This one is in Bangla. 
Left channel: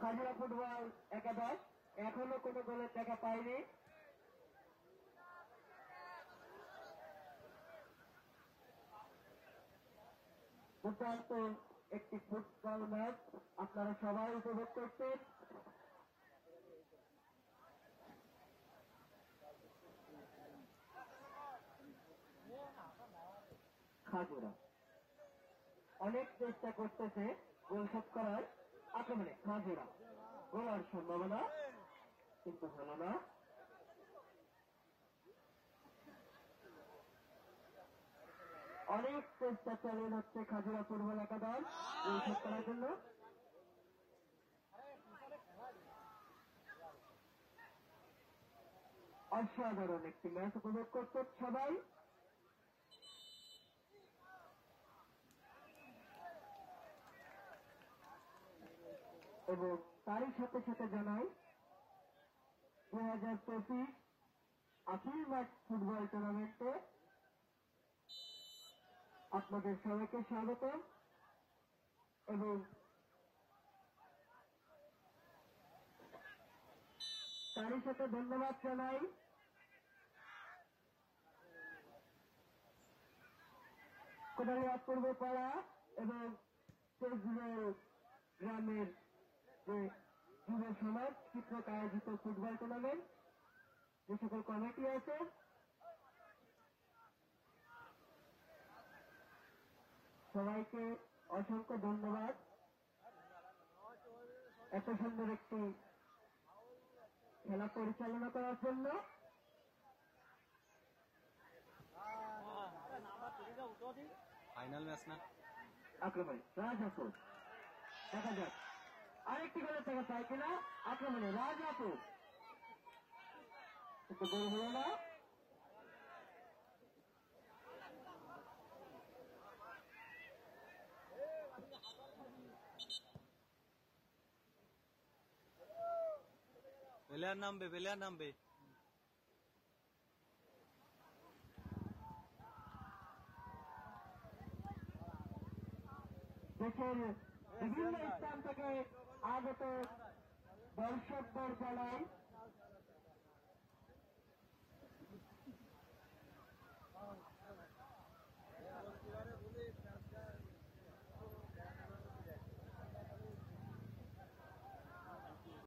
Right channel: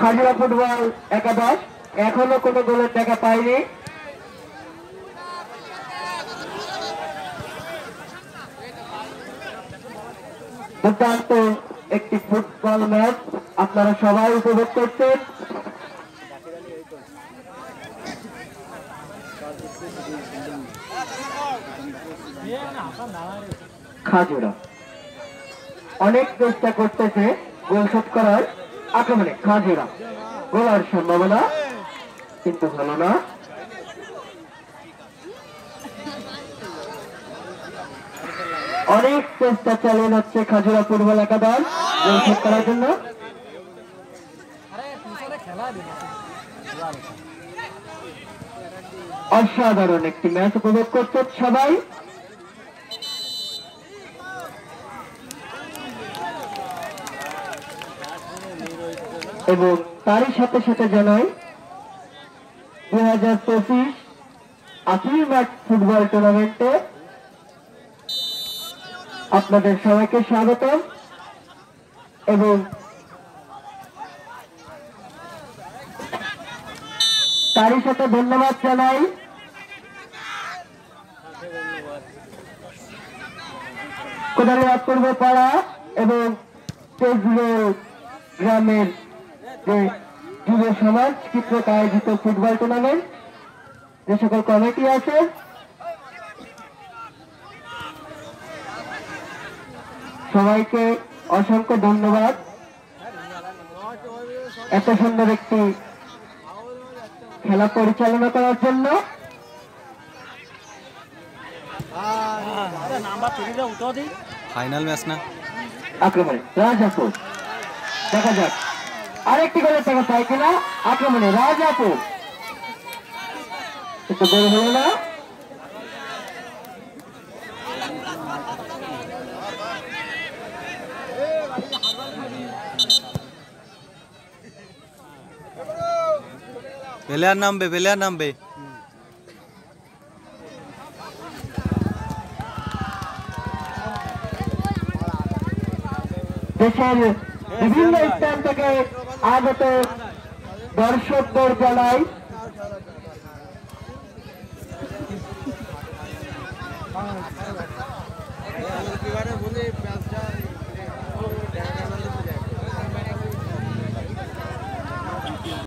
খাজুরা ফুটবল একাদশ এখনো কোনো গোলের দেখা পায়নি। দুর্দান্ত একটি ফুটবল ম্যাচ আপনারা সবাই উপভোগ করছেন। খাজুরা অনেক চেষ্টা করতেছে গোল শোধ করার আক্রমণে। খাজুরা গোলার সম্ভাবনা কিন্তু হলো না। অনেক চেষ্টা চালিয়ে যাচ্ছে খাজুরা ফুটবল একাদশ গোল শোধ করার জন্য। অসাধারণ একটি ম্যাচ উপভোগ করছে সবাই। এবং তারই সাথে সাথে জানাই 2025 আপিল মাঠ ফুটবল টুর্নামেন্টে আপনাদের সবাইকে স্বাগতম এবং তারই সাথে ধন্যবাদ জানাই কোদালিয়াত পূর্ব পাড়া এবং তেজরোল গ্রামের যে যুব সমাজ কর্তৃক আয়োজিত ফুটবল টুর্নামেন্ট যে সকল কমিটি আছে সবাইকে অসংখ্য ধন্যবাদ এত সুন্দর একটি খেলা পরিচালনা করার জন্য। ফাইনাল ম্যাচ না আক্রমণে রাজাপুর দেখা যাক আরেকটি গোলের টাকা পাই কিনা। আক্রমণে রাজাপুর একটু গোল হলো না। প্লেয়ার নামবে দেশের বিভিন্ন স্থান থেকে আগত দর্শকদের জানাই